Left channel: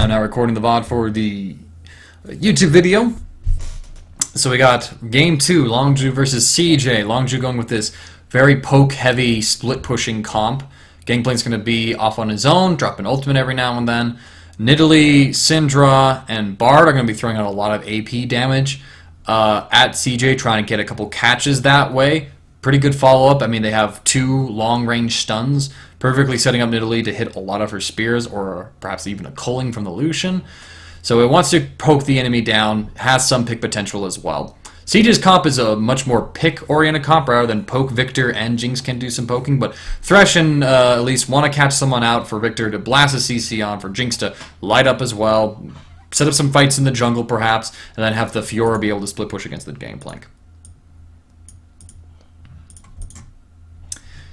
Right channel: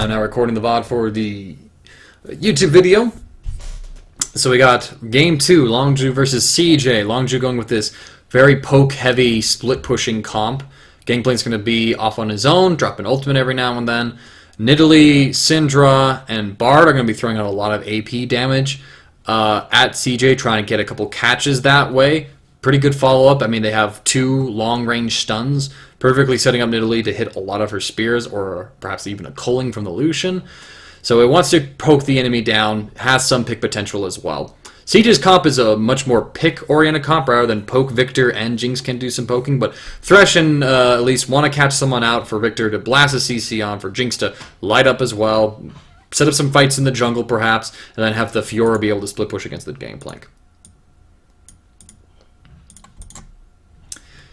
I'm now recording the VOD for the YouTube video. So we got game 2, Longzhu versus CJ. Longzhu going with this very poke-heavy split-pushing comp. Gangplank's going to be off on his own, dropping ultimate every now and then. Nidalee, Syndra, and Bard are going to be throwing out a lot of AP damage at CJ, trying to get a couple catches that way. Pretty good follow-up. I mean, they have 2 long-range stuns, perfectly setting up Nidalee to hit a lot of her spears, or perhaps even a culling from the Lucian. So it wants to poke the enemy down, has some pick potential as well. CJ's comp is a much more pick-oriented comp rather than poke. Victor and Jinx can do some poking, but Thresh and at least want to catch someone out for Victor to blast a CC on, for Jinx to light up as well, set up some fights in the jungle perhaps, and then have the Fiora be able to split push against the Gangplank.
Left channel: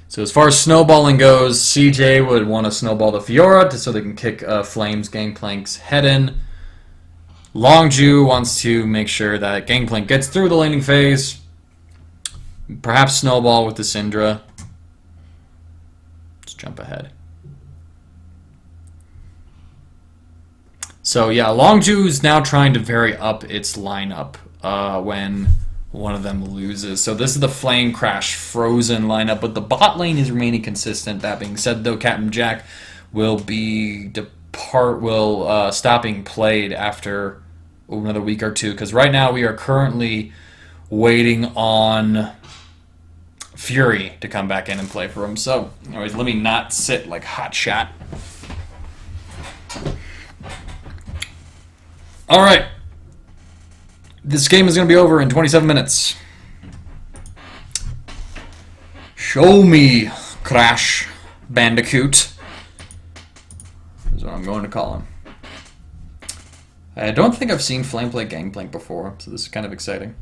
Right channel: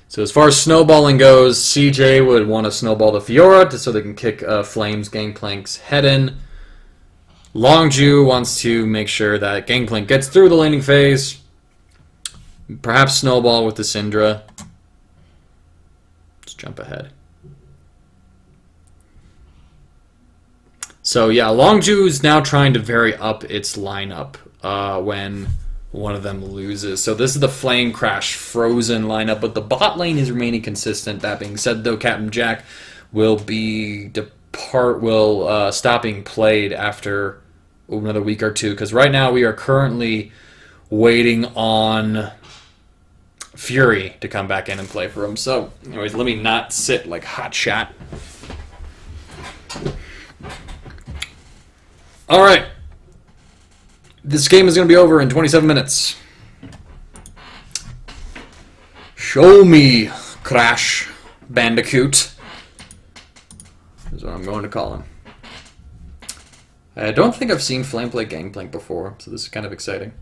So as far as snowballing goes, CJ would want to snowball the Fiora so they can kick Flame's Gangplank's head in. Longzhu wants to make sure that Gangplank gets through the laning phase. Perhaps snowball with the Syndra. Let's jump ahead. So yeah, Longzhu's now trying to vary up its lineup when one of them loses. So this is the Flame Crash Frozen lineup, but the bot lane is remaining consistent. That being said, though, Captain Jack will be stop being played after another week or two, because right now we are currently waiting on Fury to come back in and play for him. So anyways, let me not sit like hot shot. All right. This game is going to be over in 27 minutes. Show me, Crash Bandicoot. Is what I'm going to call him. I don't think I've seen Flame play Gangplank before, so this is kind of exciting.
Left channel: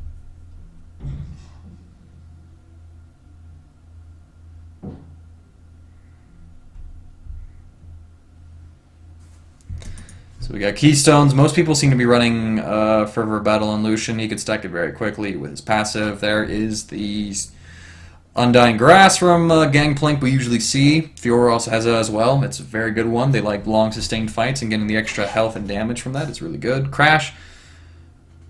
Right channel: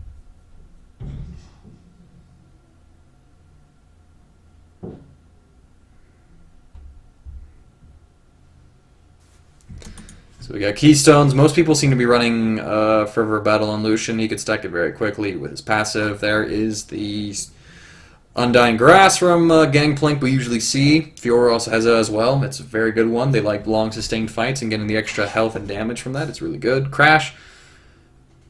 So we got Keystones. Most people seem to be running Fervor Battle on Lucian. He could stack it very quickly with his passive. There is the Undying Grass from Gangplank we usually see. Fiora also has it as well. It's a very good one. They like long sustained fights, and getting the extra health and damage from that is really good. Crash,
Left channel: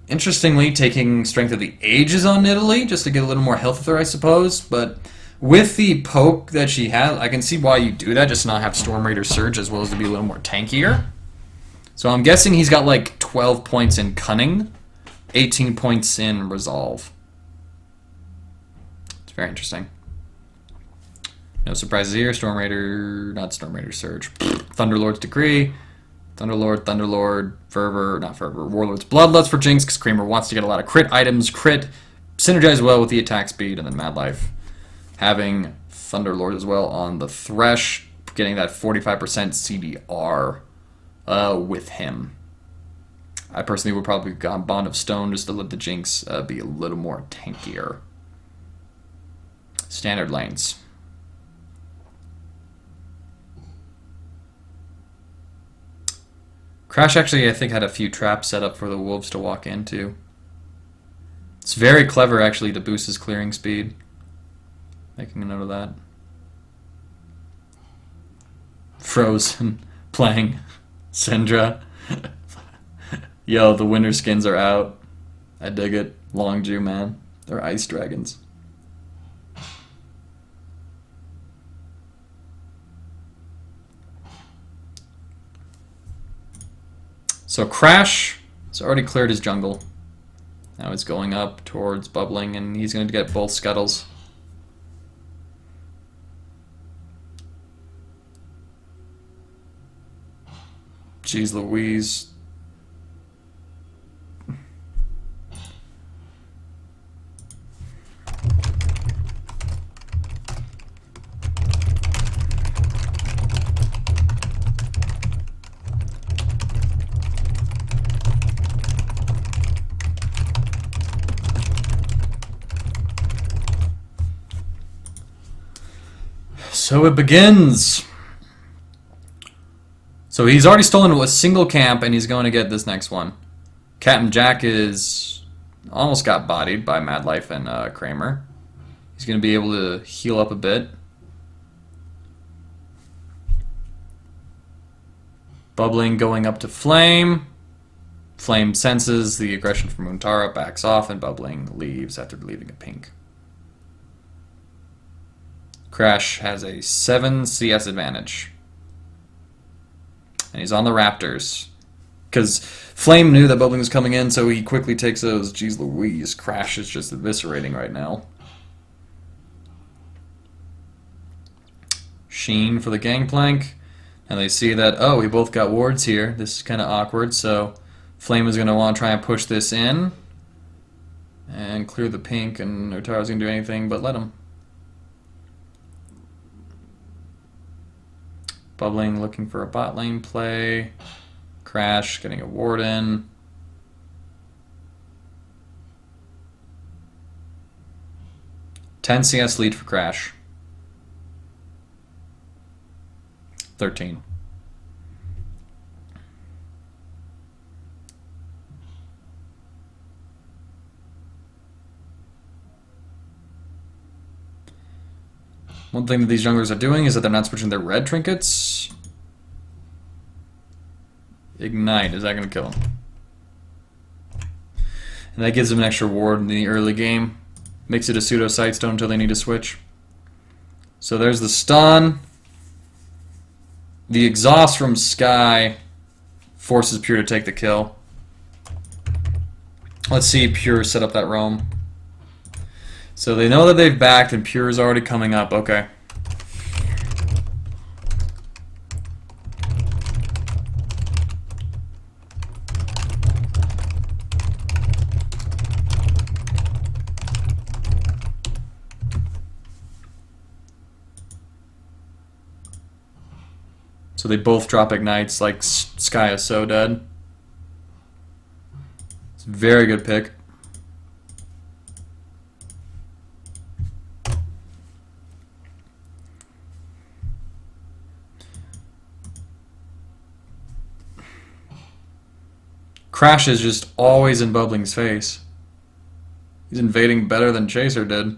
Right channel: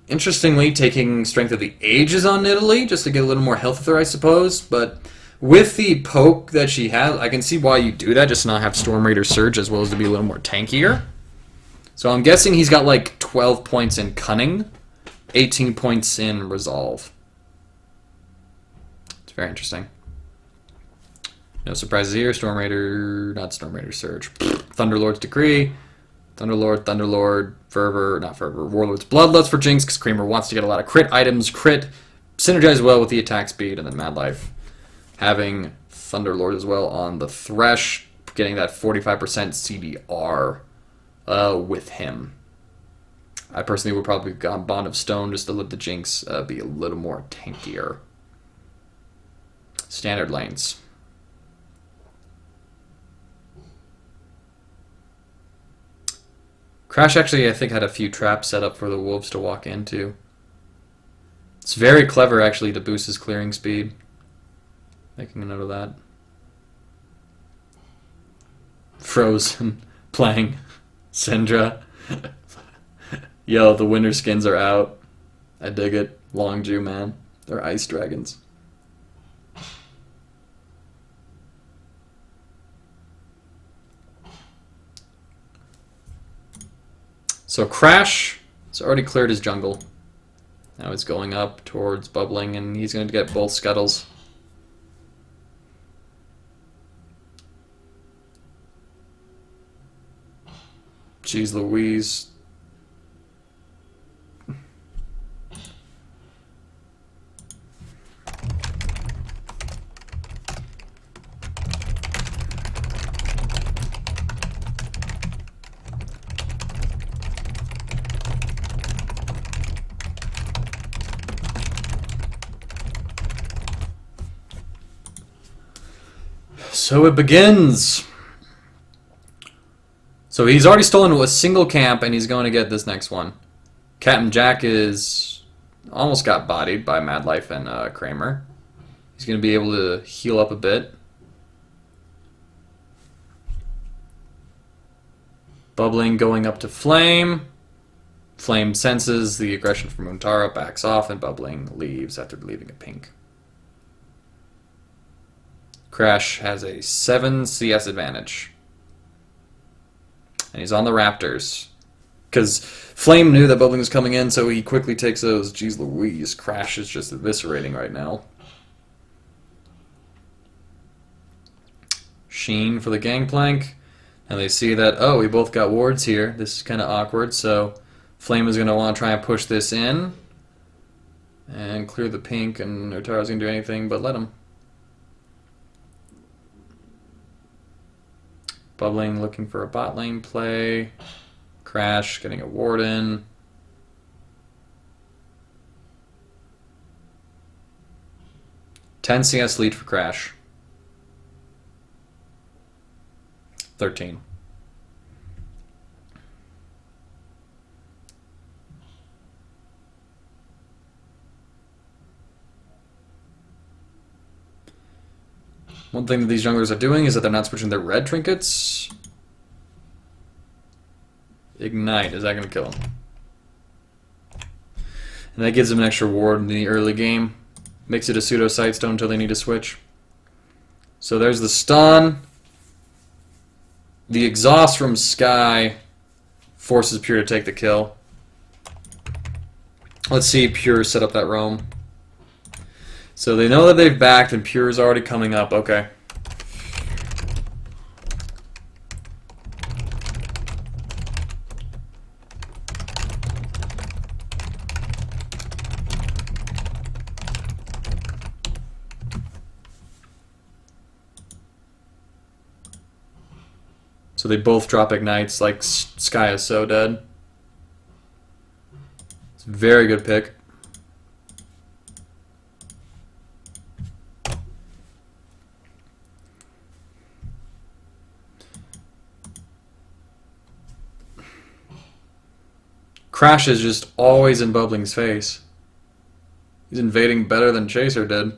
interestingly, taking Strength of the Ages on Nidalee just to get a little more health with her, I suppose. But with the poke that she has, I can see why you do that, just to not have Storm Raider Surge, as well as to be a little more tankier. So I'm guessing he's got like 12 points in Cunning, 18 points in Resolve. It's very interesting. No surprises here. Storm Raider, not Storm Raider Surge. Thunderlord's Decree, Thunderlord, Fervor, not Fervor, Warlord's Bloodlust for Jinx, because Kramer wants to get a lot of crit items. Crit, synergize well with the attack speed, and then Mad Life having Thunderlord as well on the Thresh, getting that 45% CDR. With him. I personally would probably have gone Bond of Stone just to let the Jinx be a little more tankier. Standard lanes. Crash actually, I think, had a few traps set up for the Wolves to walk into. It's very clever, actually, to boost his clearing speed. Making a note of that. Frozen. Playing Syndra. Yo, the winter skins are out. I dig it. Longzhu, man. They're ice dragons. So Crash has already cleared his jungle. Now he's going up towards bubbling, and he's going to get both scuttles. Jeez Louise. So it begins. So he's already stolen a single camp, and he's going to get this next one. Captain Jack is almost got bodied by Mad Life and Kramer. He's going to be able to heal up a bit. Bubbling going up to Flame. Flame senses the aggression from Untara, backs off, and Bubbling leaves after leaving a pink. Crash has a 7 CS advantage. And he's on the Raptors. Because Flame knew that Bubbling was coming in, so he quickly takes those. Jeez Louise, Crash is just eviscerating right now. Sheen for the Gangplank. And they see that, oh, we both got wards here. This is kind of awkward, so Flame is going to want to try and push this in. And clear the pink, and Utara's going to do anything but let him. Bubbling looking for a bot lane play. Crash getting a ward in. CS lead for Crash. 13. One thing that these junglers are doing is that they're not switching their red trinkets. Ignite, is that going to kill him? And that gives them an extra ward in the early game. Makes it a pseudo sightstone until they need to switch. So there's the stun. The exhaust from Sky forces Pure to take the kill. Let's see Pure set up that roam. So they know that they've backed and Pure is already coming up. Okay. So they both drop ignites, like Sky is so dead. It's a very good pick. Crash is just always in Bubbling's face. He's invading better than Chaser did.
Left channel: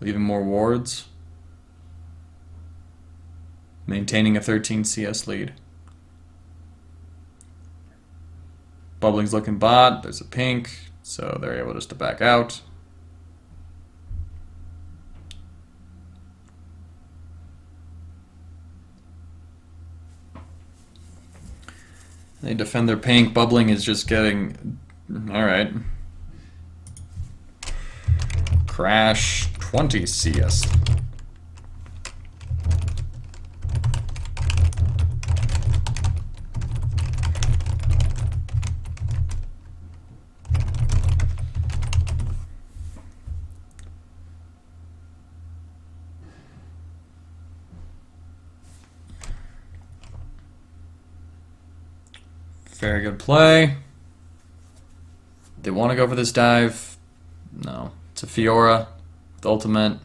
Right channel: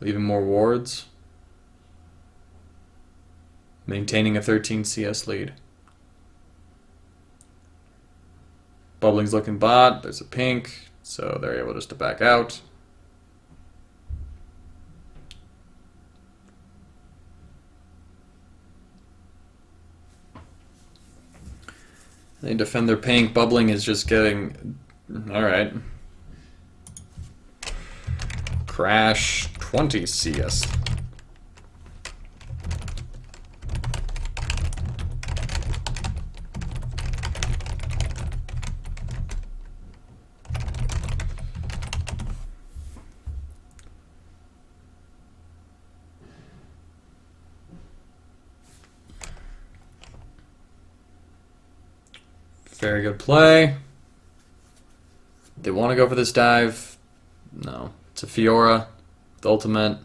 Leaving more wards. Maintaining a 13 CS lead. Bubbling's looking bot. There's a pink, so they're able just to back out. They defend their pink. Bubbling is just getting... Alright. Crash 20 CS. Very good play. They want to go for this dive. No. It's a Fiora with ultimate.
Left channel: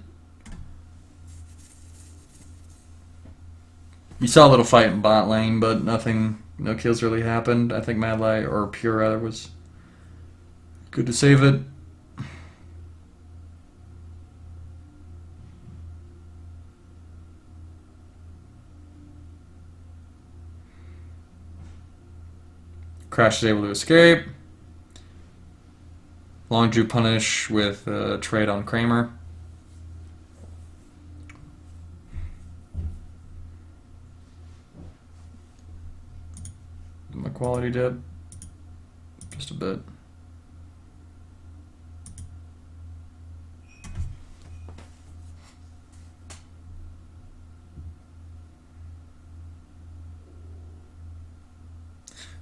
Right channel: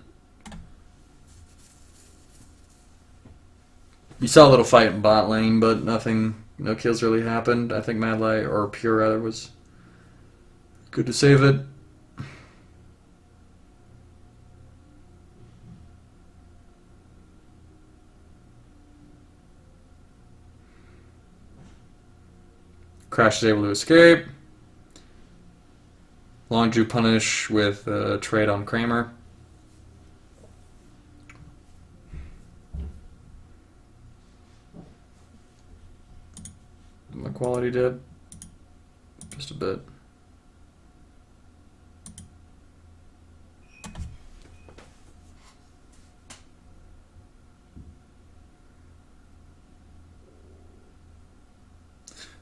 You saw a little fight in bot lane, but nothing, no kills really happened. I think Madlight, or Pure rather, was good to save it. Crash is able to escape. Longzhu punish with a trade on Kramer. My quality dip. Just a bit.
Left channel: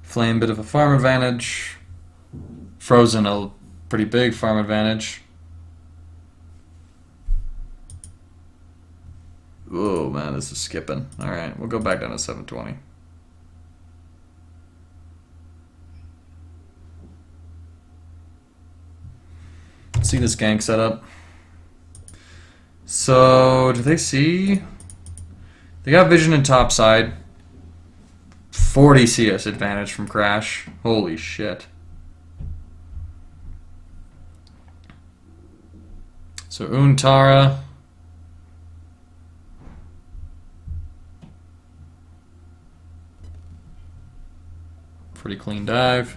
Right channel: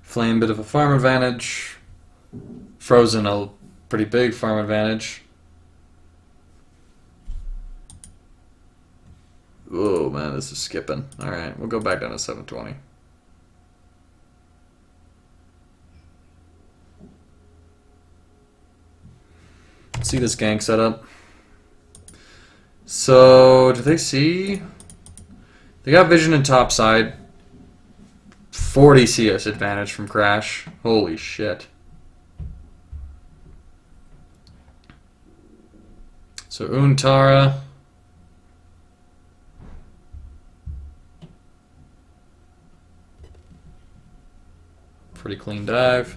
Flame, bit of a farm advantage. Frozen, a pretty big farm advantage. Oh man, this is skipping. Alright, we'll go back down to 720. See this gank setup. So, do they see? They got vision in top side. 40 CS advantage from Crash. Holy shit. So Untara. Pretty clean dive.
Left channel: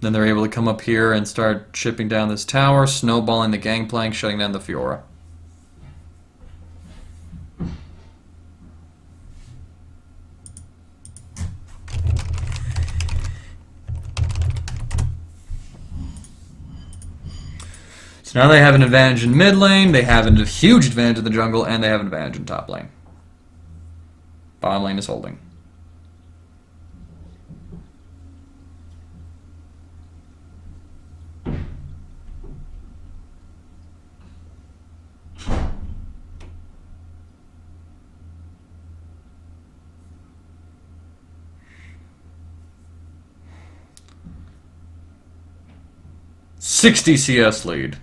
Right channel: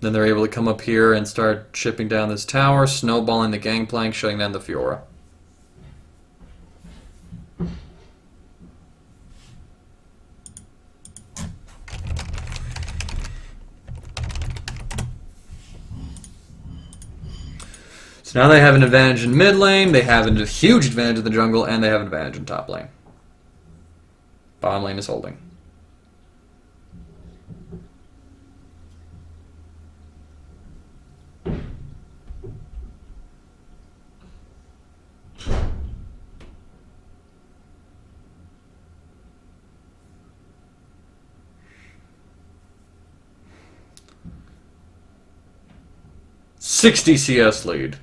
Then they're able to come up here and start chipping down this tower, snowballing the gangplank, shutting down the Fiora. So now they have an advantage in mid lane, they have a huge advantage in the jungle, and they have an advantage in top lane. Bottom lane is holding. .60 CS lead.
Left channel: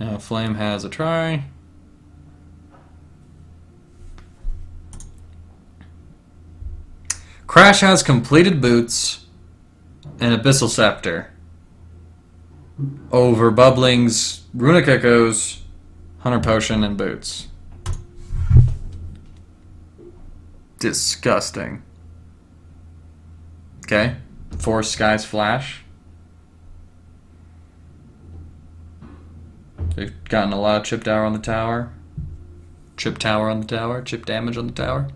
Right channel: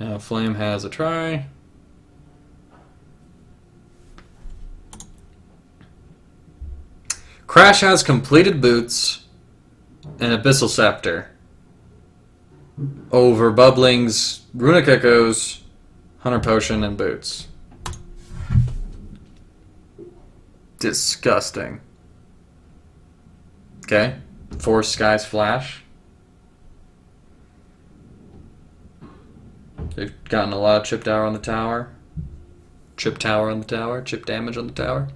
Now Flame has a try. Crash has completed boots and Abyssal Scepter over Bubbling's Runic Echoes, Hunter Potion, and boots. Disgusting. Okay. Force Sky's Flash. They've gotten a lot of chip tower on the tower. Chip tower on the tower. Chip damage on the tower.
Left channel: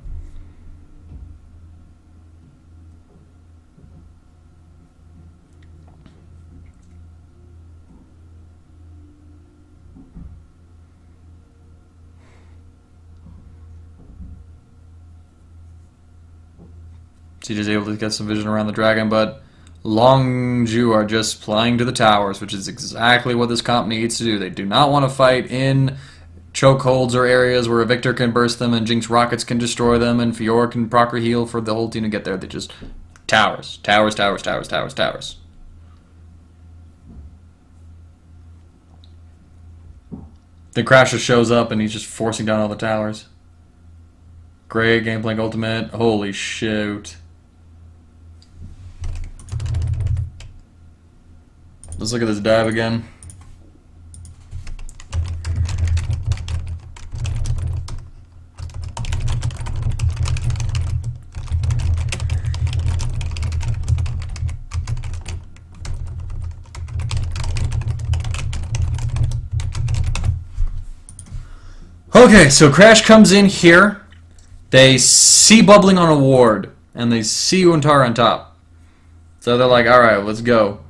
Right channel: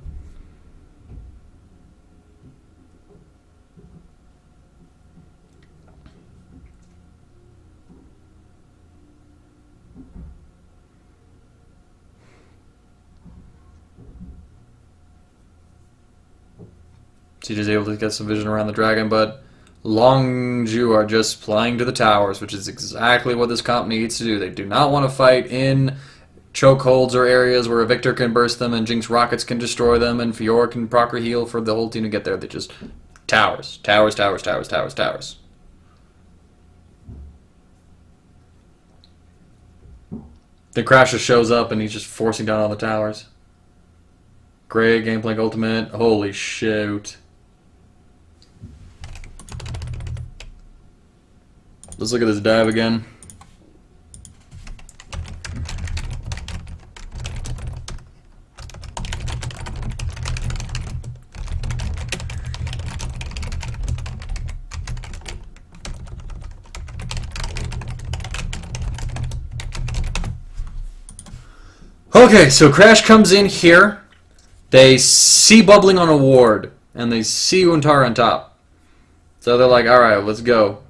CJ's able to get some vision around the dragon, but Longzhu are just flying to the towers, which is exactly what this comp needs to do. They do not want to fight in chokeholds or areas where a Victor can burst them and Jinx rockets can destroy them and Fiora can proc heal for the whole team to get there. They just towers, towers, towers, towers, towers, towers. The Crasher shows up and he's just forcing down all the towers. Great Gangplank ultimate. Holy shoot. Let's look at this dive again. Okay, so Crash comes in here. They see Bubbling on a ward, and they see Untara on top. So they're like, alright, let's go.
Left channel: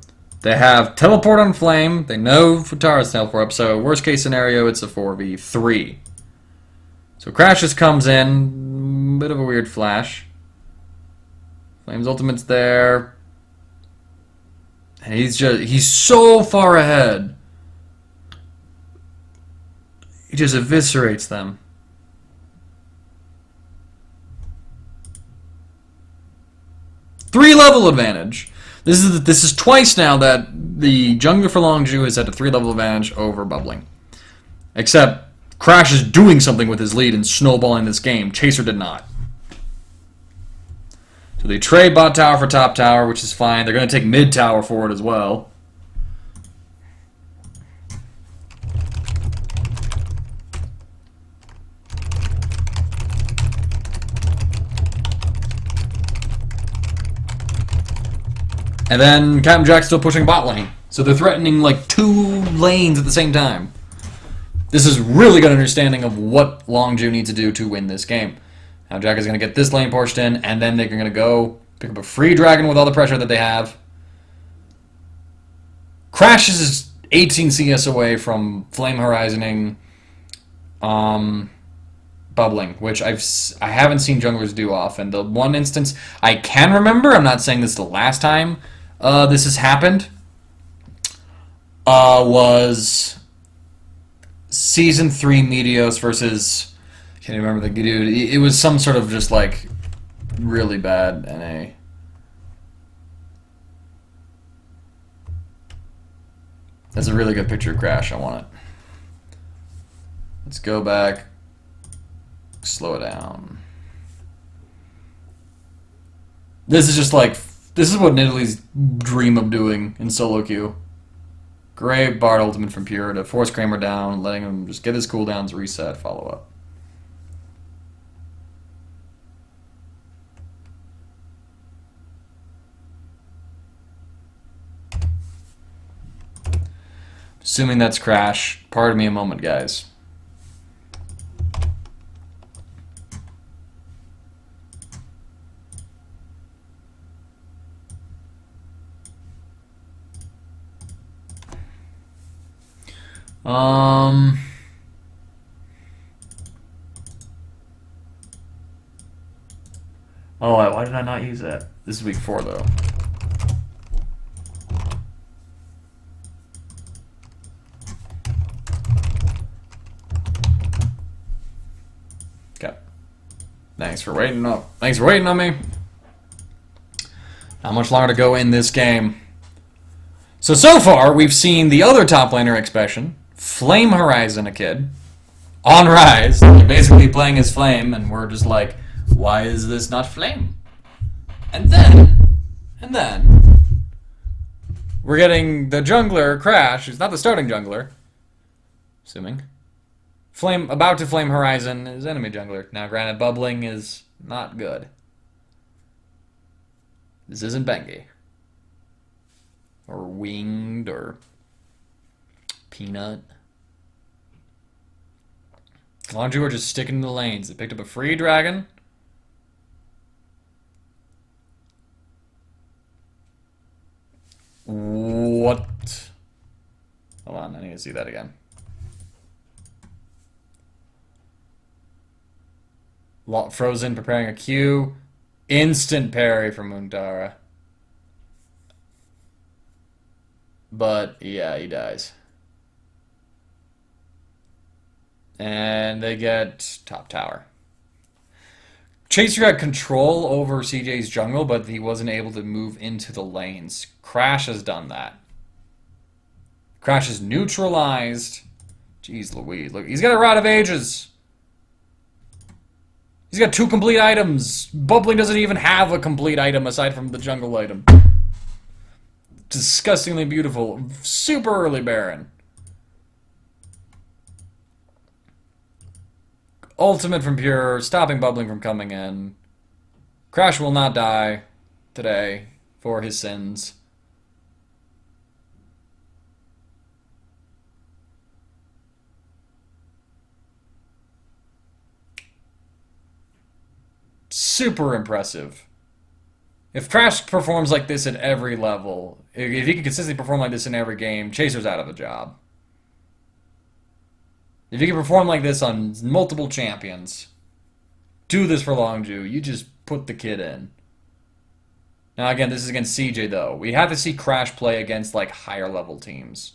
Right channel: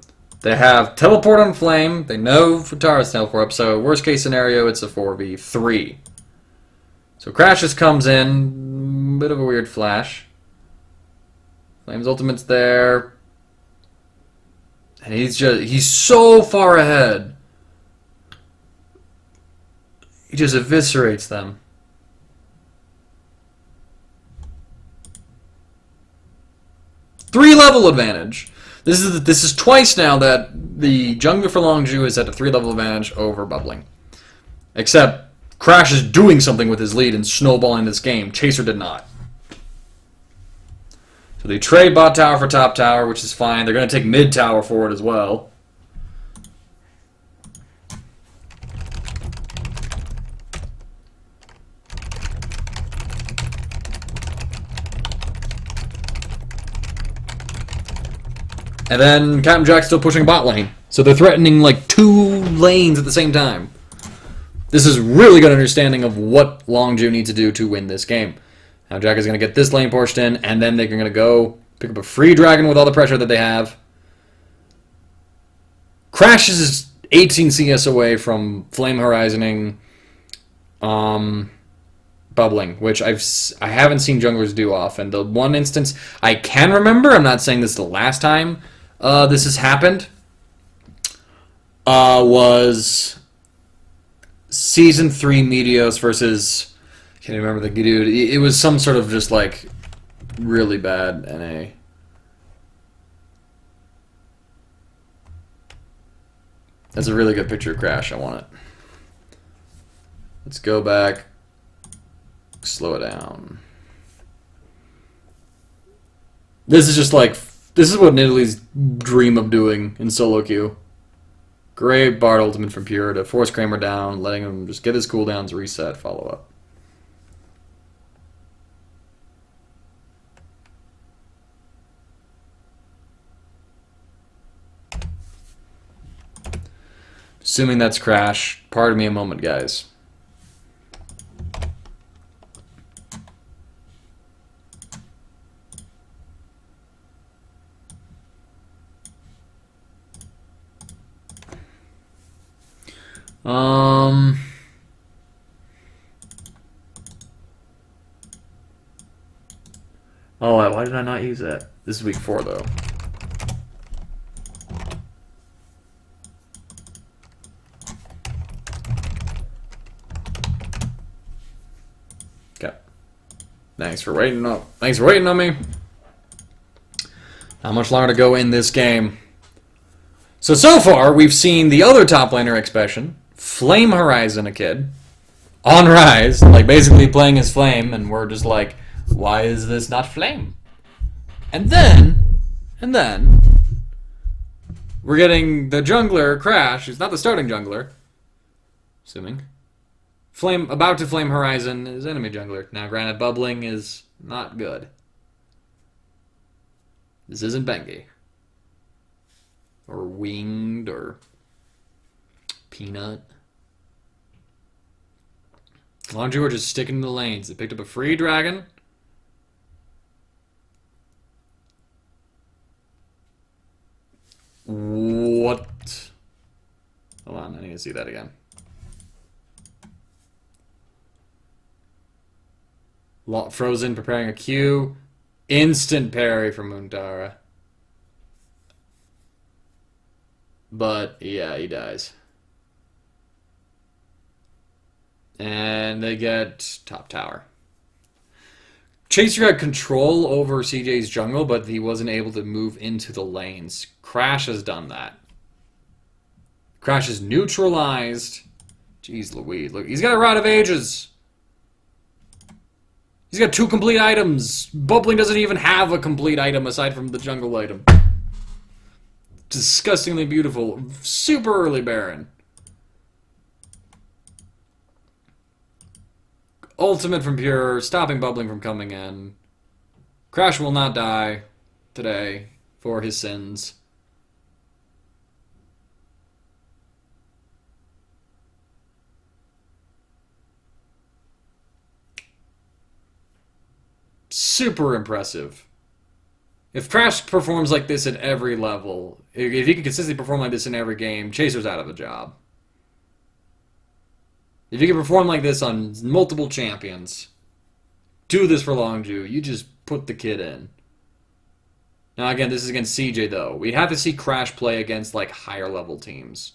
They have teleport on Flame. They know Futara's teleport up, so worst case scenario, it's a 4v3. So Crash just comes in. Bit of a weird flash. Flame's ultimate's there. And he's so far ahead. He just eviscerates them. Three-level advantage. This is twice now that the jungler for Longzhu has had a 3-level advantage over Bubbling. Except Crash is doing something with his lead and snowballing this game. Chaser did not. So they trade bot tower for top tower, which is fine. They're going to take mid tower for it as well. And then Captain Jack's still pushing bot lane. So they're threatening like 2 lanes at the same time. This is really good understanding of what Longzhu needs to do to win this game. Now Jack is going to get this lane pushed in, and then they're going to go pick up a free dragon with all the pressure that they have. Crash is 18 CS away from Flame Horizoning, bubbling, which I haven't seen junglers do often. The one instance I can remember, I'm not saying this is the last time this has happened, was Season 3 Meteos versus, I can't remember the dude. It was some sort of just like really bad NA. That's a really good picture of Crash. I want it. Let's go back. Slow it down. This is just like, this is what Nidalee's dream of doing in solo queue. Great Bard ultimate from Pure to force Kramer down, letting him just get his cooldowns, reset, follow up. Assuming that's Crash. Pardon me a moment, guys. Oh, why did I not use that? This is week 4, though. Okay. Thanks for waiting on me. Not much longer to go in this game. So far, we've seen the other top laner expression, Flame Horizon, a kid, on Rise, like basically playing as Flame, and we're just like, why is this not Flame? And then, we're getting the jungler, Crash, who's not the starting jungler, assuming, about to Flame Horizon his enemy jungler. Now, granted, bubbling is not good. This isn't Bengi. Or Winged, or Peanut. Longzhu are just sticking to the lanes. They picked up a free dragon. What? Hold on, I need to see that again. Frozen preparing a Q. Instant parry from Muntara. But, yeah, he dies. And they get top tower. Chaser had control over CJ's jungle, but he wasn't able to move into the lanes. Crash has done that. Crash is neutralized. Jeez Louise. Look, he's got a Rod of Ages. He's got 2 complete items. Bubbling doesn't even have a complete item aside from the jungle item. Disgustingly beautiful. Super early Baron. Ultimate from Pure, stopping Bubbling from coming in. Crash will not die today for his sins. Super impressive. If Crash performs like this at every level, if he can consistently perform like this in every game, Chaser's out of a job. If you can perform like this on multiple champions, do this for Longzhu, you just put the kid in. Now again, this is against CJ though. We have to see Crash play against like higher level teams.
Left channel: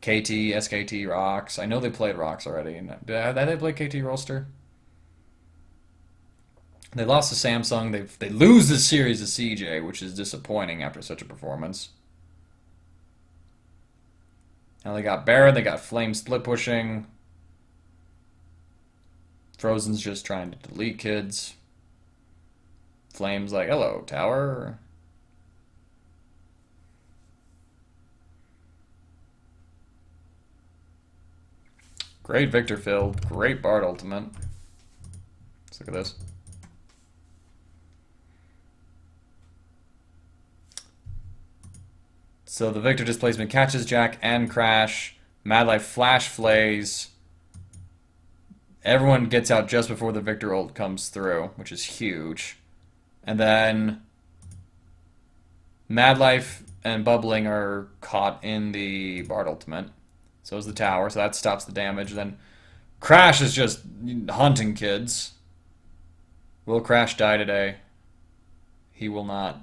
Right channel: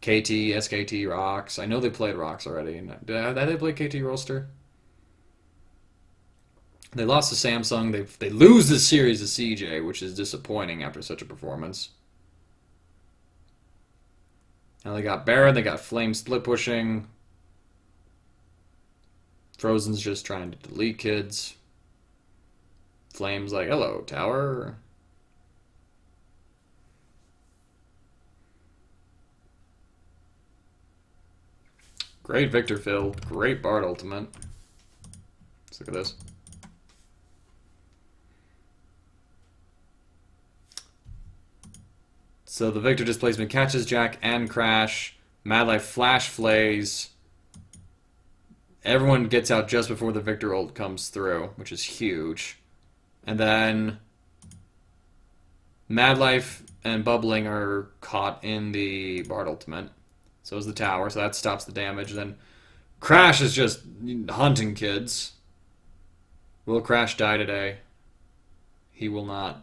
KT, SKT, Rocks. I know they played Rocks already. Did they play KT Roster? They lost to Samsung. They lose this series to CJ, which is disappointing after such a performance. Now they got Baron, they got Flame split pushing. Frozen's just trying to delete kids. Flame's like, hello, tower. Great Victor fill. Great Bard ultimate. Let's look at this. So the Victor displacement catches Jack and Crash. Mad Life flash flays. Everyone gets out just before the Victor ult comes through, which is huge. And then Mad Life and Bubbling are caught in the Bard Ultimate. So is the tower, so that stops the damage. Then Crash is just hunting kids. Will Crash die today? He will not.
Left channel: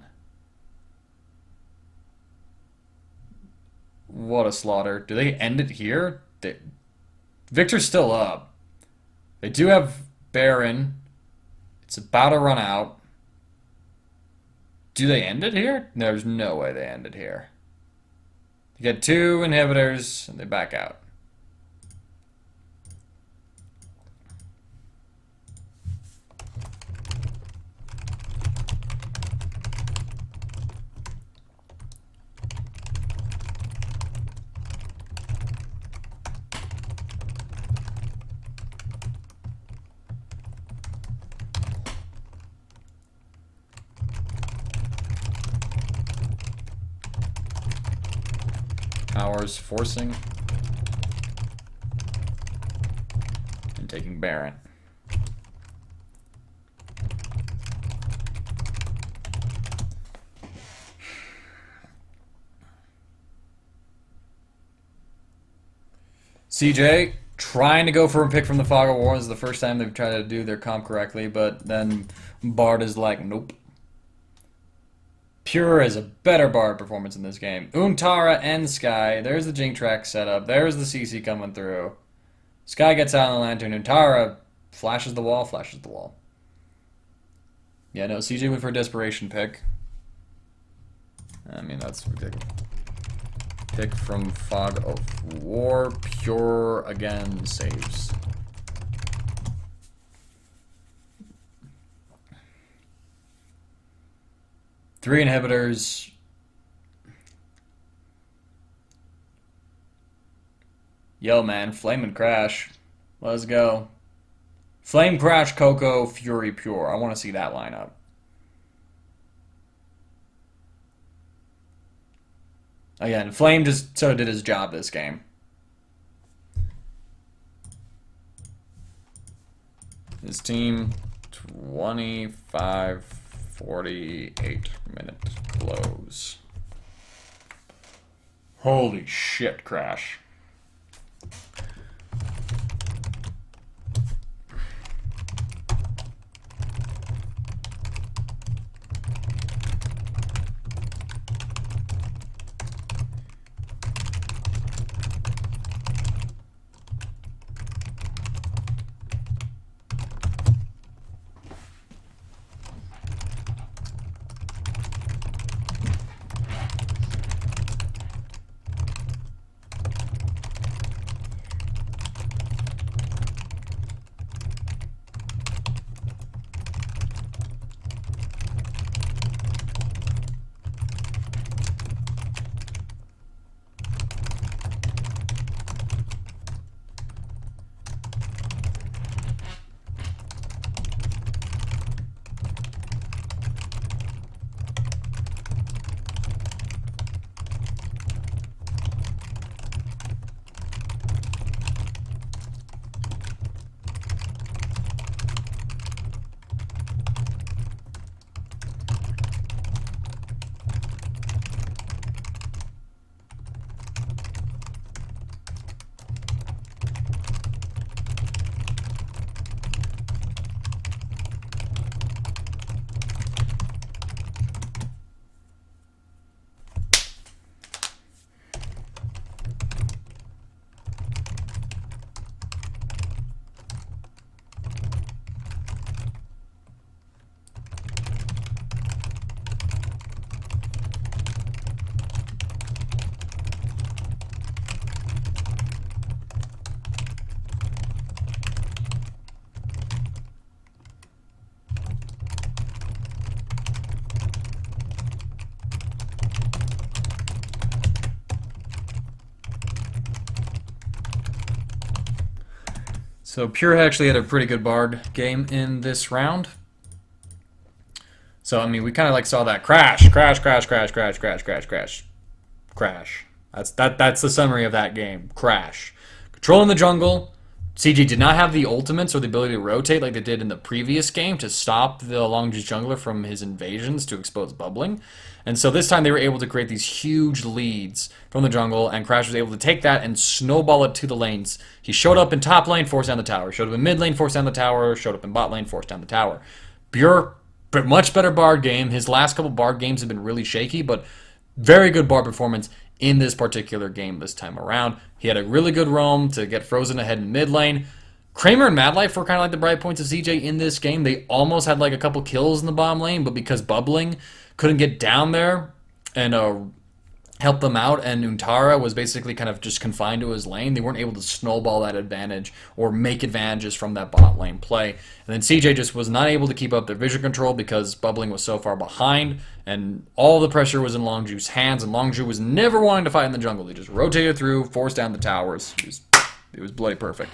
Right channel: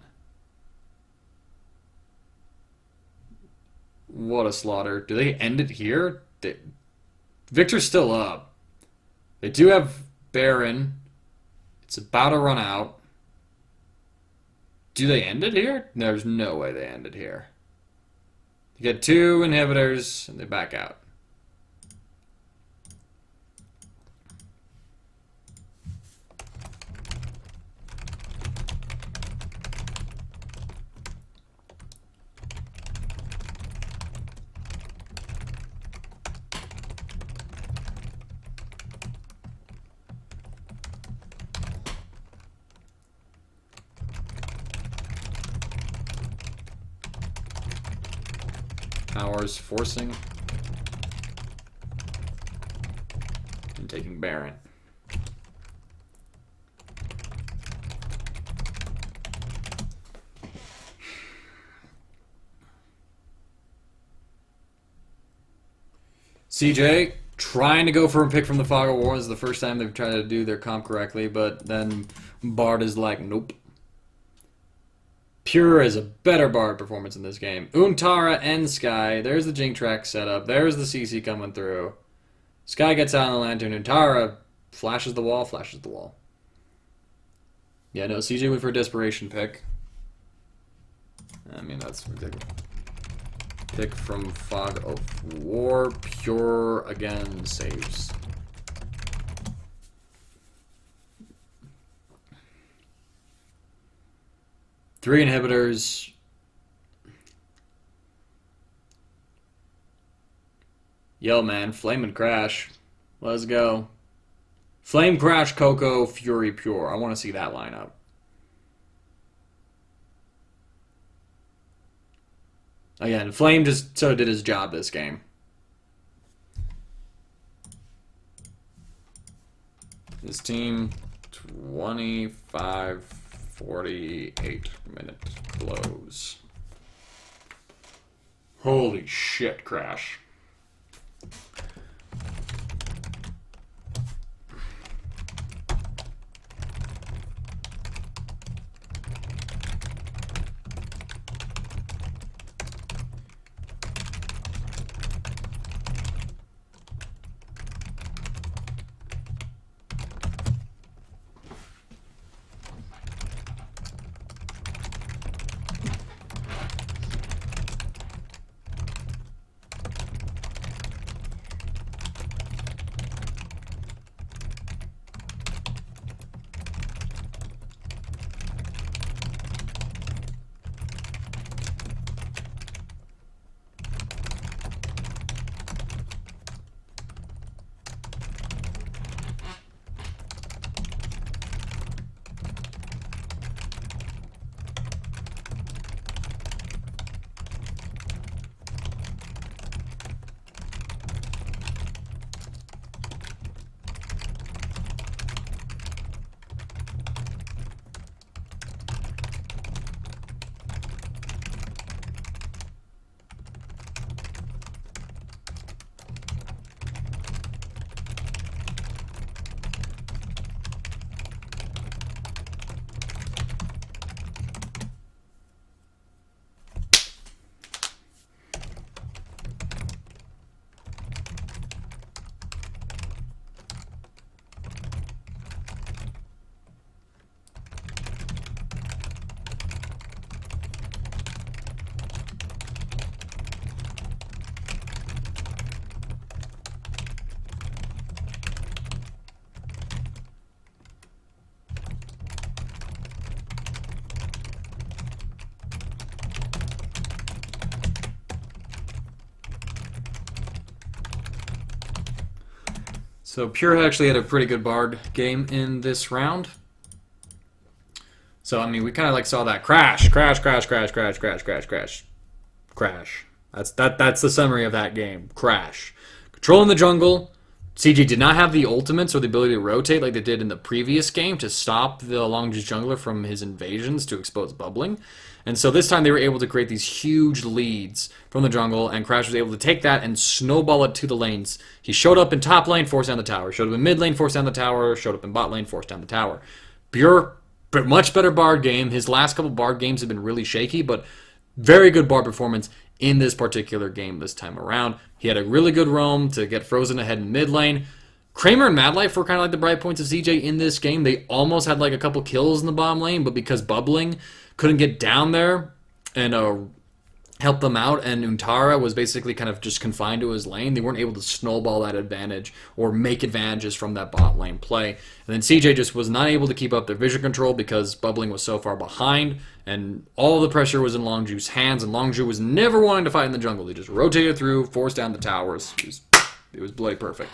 What a slaughter. Do they end it here? Victor's still up. They do have Baron. It's about to run out. Do they end it here? There's no way they end it here. You get 2 inhibitors, and they back out. Powers forcing and taking Baron. CJ trying to go for a pick from the Fog of War. This is the first time they've tried to do their comp correctly, but then Bard is like, nope. Pure is a better Bard performance in this game. Untara and Sky. There's the Jink track setup. There's the CC coming through. Sky gets out on the lantern. Untara flashes the wall, flashes the wall. Yeah, no, CJ went for a desperation pick. I mean, that's ridiculous. Pick from Fog of War. Pure again saves. Three inhibitors. Yo, man. Flame and Crash. Let's go. Flame, Crash, Coco, Fury, Pure. I want to see that lineup. Again, Flame just so did his job this game. His team, 25:48 close. Holy shit, Crash. So Pure actually had a pretty good Bard game in this round. So I mean, we kind of like saw that crash. That's the summary of that game. Crash. Controlling the jungle, CJ did not have the ultimates or the ability to rotate like they did in the previous game to stop the Longzhu jungler from his invasions to expose bubbling. And so this time they were able to create these huge leads from the jungle, and Crash was able to take that and snowball it to the lanes. He showed up in top lane, forced down the tower. Showed up in mid lane, forced down the tower. Showed up in bot lane, forced down the tower. Pure, but much better Bard game. His last couple Bard games have been really shaky, but very good Bard performance in this particular game this time around. He had a really good roam to get frozen ahead in mid lane. Kramer and Madlife were kind of like the bright points of CJ in this game. They almost had like a couple kills in the bottom lane, but because Bubbling couldn't get down there and help them out, and Untara was basically kind of just confined to his lane, they weren't able to snowball that advantage or make advantages from that bot lane play. And then CJ just was not able to keep up their vision control because Bubbling was so far behind, and all the pressure was in Longzhu's hands, and Longzhu was never wanting to fight in the jungle. He just rotated through, forced down the towers. It was bloody perfect.